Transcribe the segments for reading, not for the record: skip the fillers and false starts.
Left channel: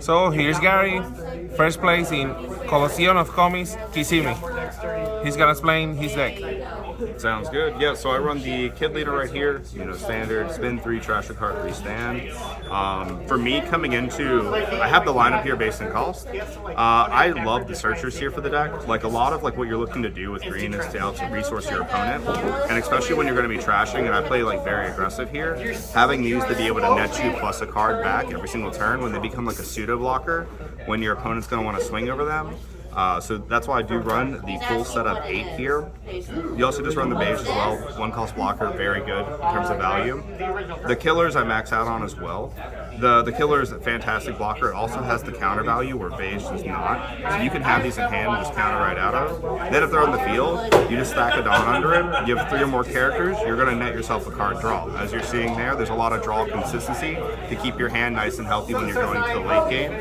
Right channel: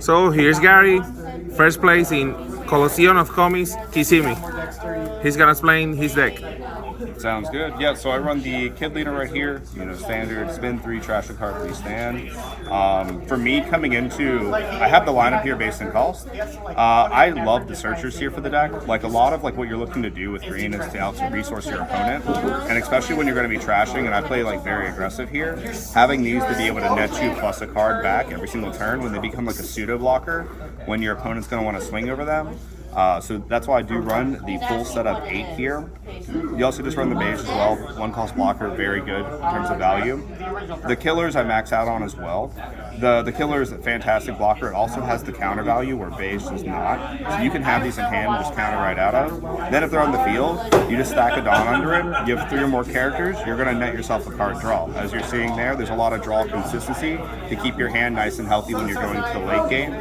So here's Gary, first place in COLISEUM of Comics, KISSEMMEE. He's gonna explain his deck. Sounds good. Yeah, so I run the kid leader right here. You know, standard spin 3, trash a card, 3 stand. For me, coming into, I have the lineup here based on cost. I love the searchers here for the deck. Like a lot of what you're looking to do with green is to out resource your opponent, and especially when you're going to be trashing. And I play like very aggressive here. Having these to be able to net you plus a card back every single turn when they become like a pseudo blocker when your opponent's going to want to swing over them. So that's why I do run the full setup 8 here. You also just run the beige as well. 1 cost blocker, very good in terms of value. The killers I max out on as well. The killer is a fantastic blocker. It also has the counter value where beige does not. So you can have these in hand and just counter right out of. Then if they're on the field, you just stack a Dawn under it. You have 3 or more characters, you're going to net yourself a card draw. As you're seeing there's a lot of draw consistency to keep your hand nice and healthy when you're going to the late game.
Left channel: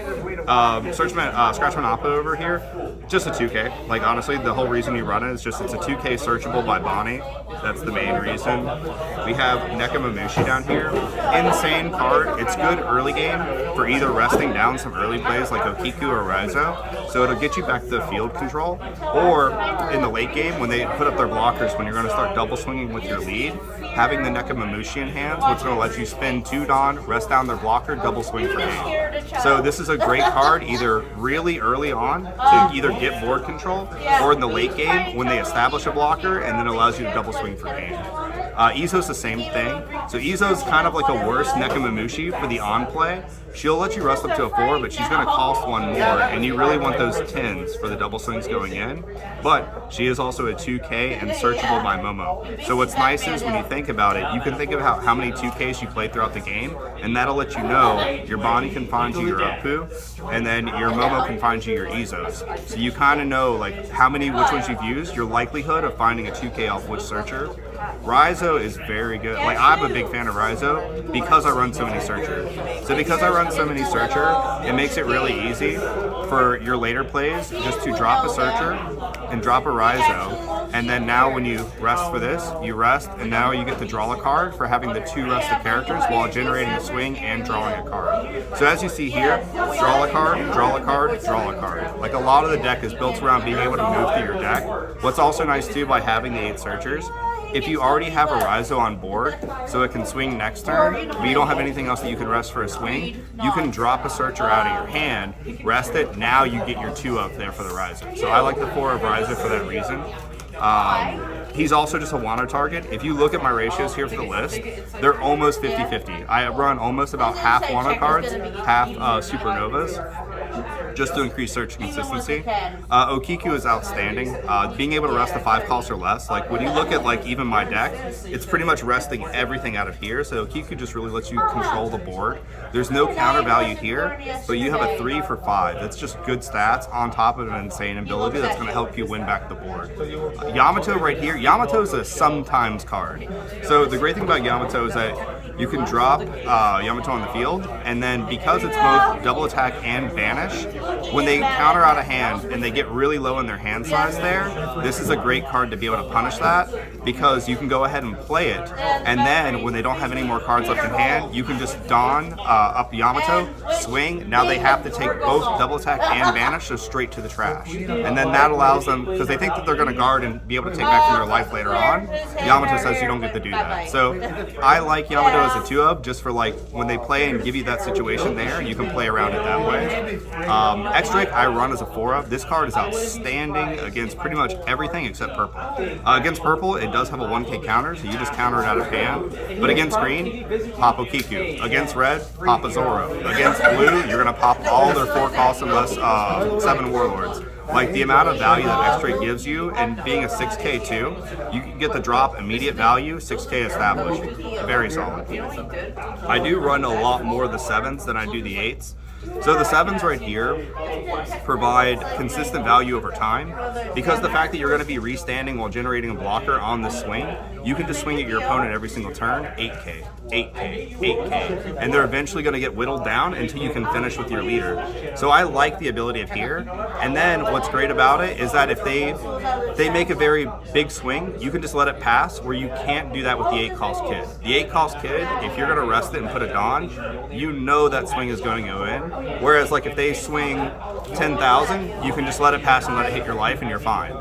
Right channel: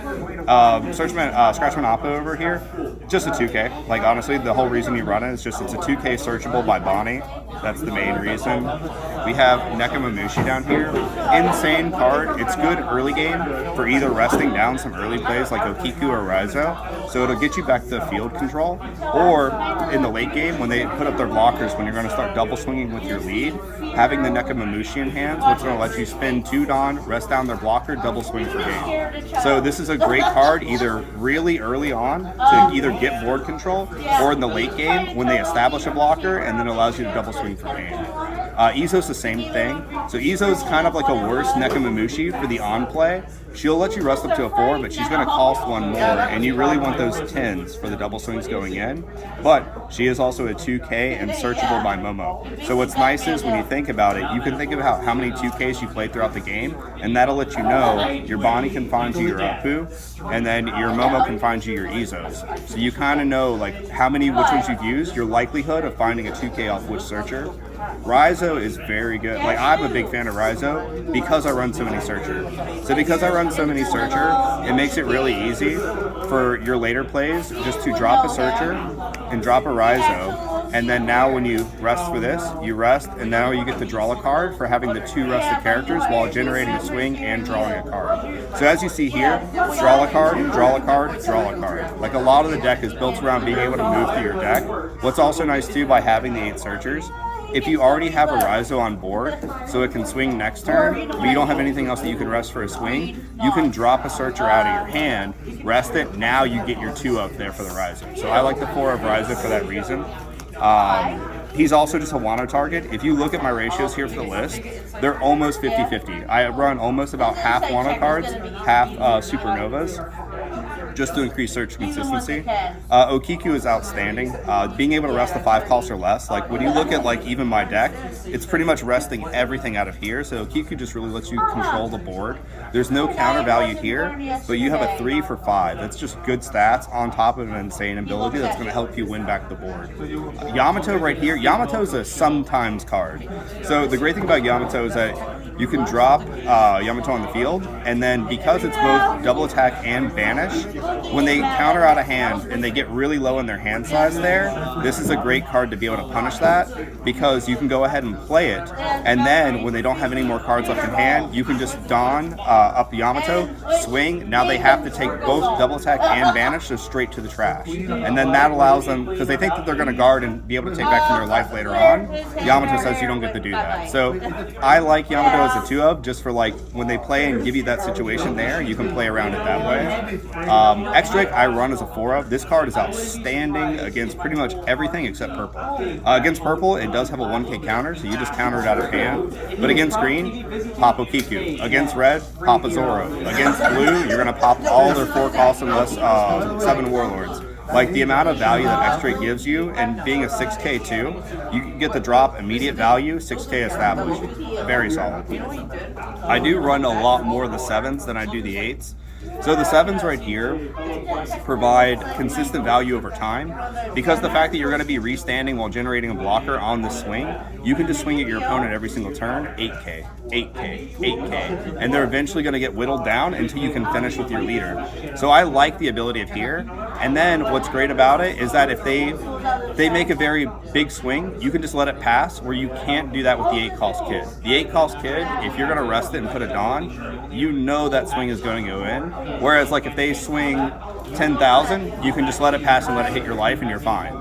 SCRATCHMEN APOO over here, just a 2K. Like honestly, the whole reason you run it is just it's a 2K searchable by BONNEY. That's the main reason. We have NEKOMAMUSHI down here. Insane card. It's good early game for either resting down some early plays like OKIKU or RAIZO, so it'll get you back to field control, or in the late game when they put up their blockers when you're going to start double swinging with your lead, having the NEKOMAMUSHI in hand, what's going to let you spin 2 Dawn, rest down their blocker, double swing for game. So this is a great card either really early on to either get board control, or in the late game when they establish a blocker and then allows you to double swing for game. EUSTAS the same thing. So EUSTAS kind of like a worse NEKOMAMUSHI for the on play. She'll let you rest up to a 4, but she's going to cost 1 more, and you really want those 10s for the double swings going in. But she is also a 2K and searchable by Momo. So what's nice is when you think about it, you can think of how many 2Ks you played throughout the game, and that'll let you know your BONNEY can find you your APOO, and then your Momo can find you your EUSTAS. So you kind of know like which ones you've used, your likelihood of finding a 2K off which searcher. RAIZO is very good. Like I'm a big fan of RAIZO because I run so many searcher. So because I run so many searcher, it makes it really easy for your later plays just to drop a searcher and drop a RAIZO, and then now when you rest for this, you rest, and now you get to draw a card for having the 2 rested characters while generating a swing and drawing a card. So as you see here, draw a card, draw a card, draw a card. Like a lot of the deck is built around being able to move through your deck. What's also nice too by having the 8 searchers, if you already have a RAIZO on board, so it can swing next turn, but you don't have anything else that you can rest for a swing, you can drop a searcher out of your hand, rest it, now you get your 2 up there for the RAIZO. So I like the 4 of RAIZO for that reason. He's also just a Wano target. If you look at my ratios here for the list, they're almost 50-50. I run almost about half Wano cards, half Supernovas, just to increase search consistency. OKIKU is outstanding. Being able to rest the 5 costs or less, like when you look at like even my deck, it's pretty much resting everything out of here. So OKIKU just really lets you control the board. There's no counter value here, but you have a 3 for 5. That's just good stats on top of an insane ability that's going to help you win back the board. YAMATO right here, YAMATO is a sometimes card. So the great thing about YAMATO is that you can drop YAMATO on the field, and then because it's both double attack and banish, when they counter out a hand and they get really low in their hand size there, this is a great card to be able to punish that, because you can go ahead and play it, and then when they don't have any more cards left in hand, you can just Dawn up YAMATO, swing, now they have to take both double attack and banish, so straight to the trash. And then that allows them, because they think that they're going to guard and be able to take back from their life later on, YAMATO says you don't get to do that. So I like YAMATO as a 2 of, just for like when they play and give you that situation there, you can play around it that way. X-Drake I run as a 4 of. This card is outstanding against pretty much everything except purple. Against purple, it does have a 1K counter, so you just counter it out of hand. But against green, pop OKIKU. Against red, pop a Zoro. Against blue, you're gonna pop all their 4 costs unless 7 Warlords. Like the amount of value that X-Drake gives you, and being a 6K too, you get the drop immediate value, 6K established. Very solid. I do run a lot more of the 7s than I do the 8s. So the 7s right here provide consistent value over time, because the fact that you're going to be restanding while generating a blocker on the swing, you can just swing at your opponent every single turn, 8K, 8K, 8K, and they're eventually going to get whittled down until you can finish with your leader. So I like the ability of here. And then what's great about it is that if they make a very big swing, you can just let it pass, where you can't do that with the 8 cost kid. The 8 cost kid, if you're going to rest it and put it on, you know that swing is going to go in. Whereas like if they swing 10,000, you can just let it pass and let it hit your life and you're fine.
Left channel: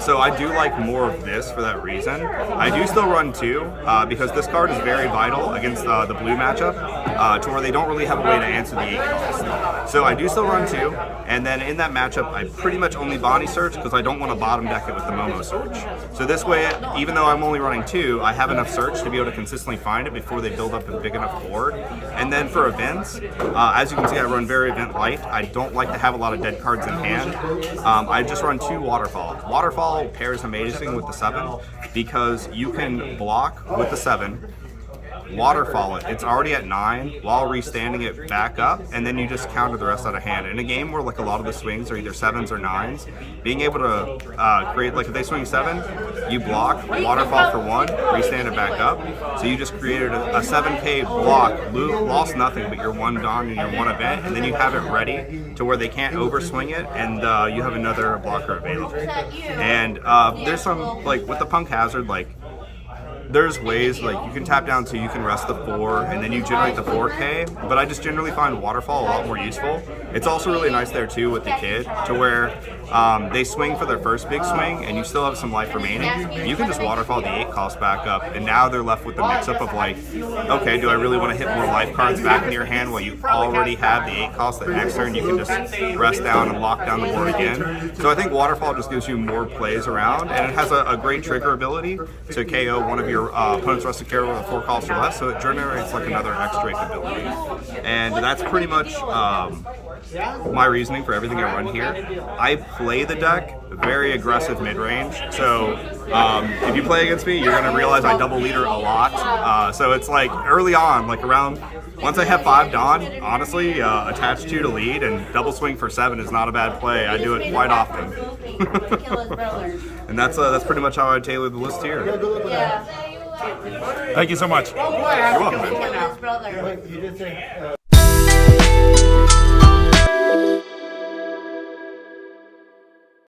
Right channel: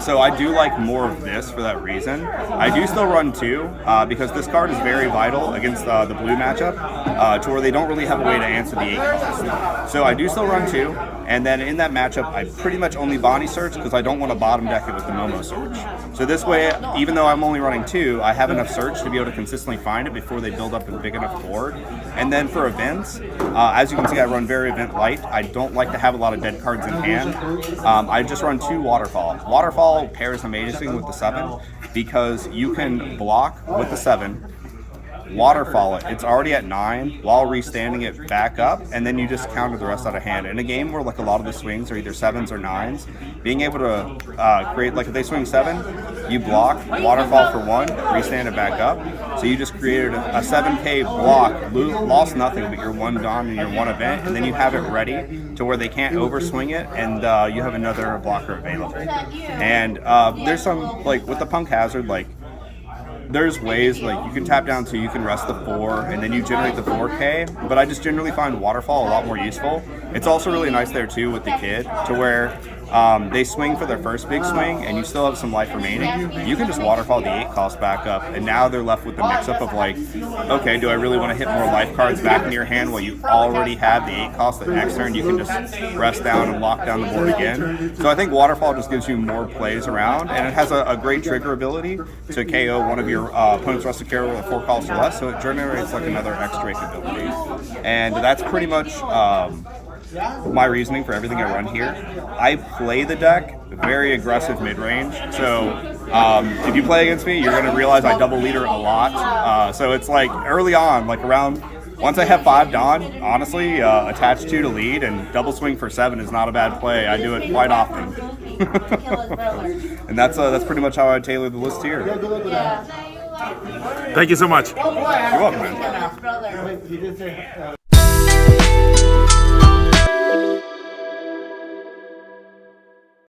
So I do like more of this for that reason. I do still run 2 because this card is very vital against the blue matchup to where they don't really have a way to answer the 8 cost. So I do still run 2, and then in that matchup I pretty much only Bonnie search because I don't want to bottom deck it with the Momo search. So this way, even though I'm only running 2, I have enough search to be able to consistently find it before they build up a big enough board. And then for events, as you can see, I run very event light. I don't like to have a lot of dead cards in hand. I just run 2 Waterfall. Waterfall pairs amazing with the 7 because you can block with the 7, waterfall it. It's already at 9 while restanding it back up, and then you just counter the rest out of hand. In a game where like a lot of the swings are either 7s or 9s, being able to create, like if they swing 7, you block, waterfall for 1, restand it back up. So you just created a 7K block, lost nothing but your 1 Dawn and your 1 event, and then you have it ready to where they can't overswing it, and you have another blocker available. And there's some, like with the Punk Hazard, like there's ways like you can tap down so you can rest the 4 and then you generate the 4K, but I just generally find Waterfall a lot more useful. It's also really nice there too with the kid to where they swing for their first big swing and you still have some life remaining. You can just Waterfall the 8 cost back up, and now they're left with the mix-up of like, okay, do I really want to hit more life cards back in your hand while you already have the 8 cost that next turn you can just rest down and lock down the board again. So I think Waterfall just gives you more plays around, and it has a great trigger ability to KO one of your opponent's rested character with a 4 cost or less, so it generates like another extra ability. And that's pretty much my reasoning for everything I run here. I play the deck very aggressive mid-range, so if you play against me, you're going to realize I double leader a lot. So it's like early on, like around, once I have 5 Dawn, honestly, attach 2 to lead and double swing for 7 is not a bad play. I do it quite often. And that's pretty much how I tailor the list here. Thank you so much. You're welcome, man.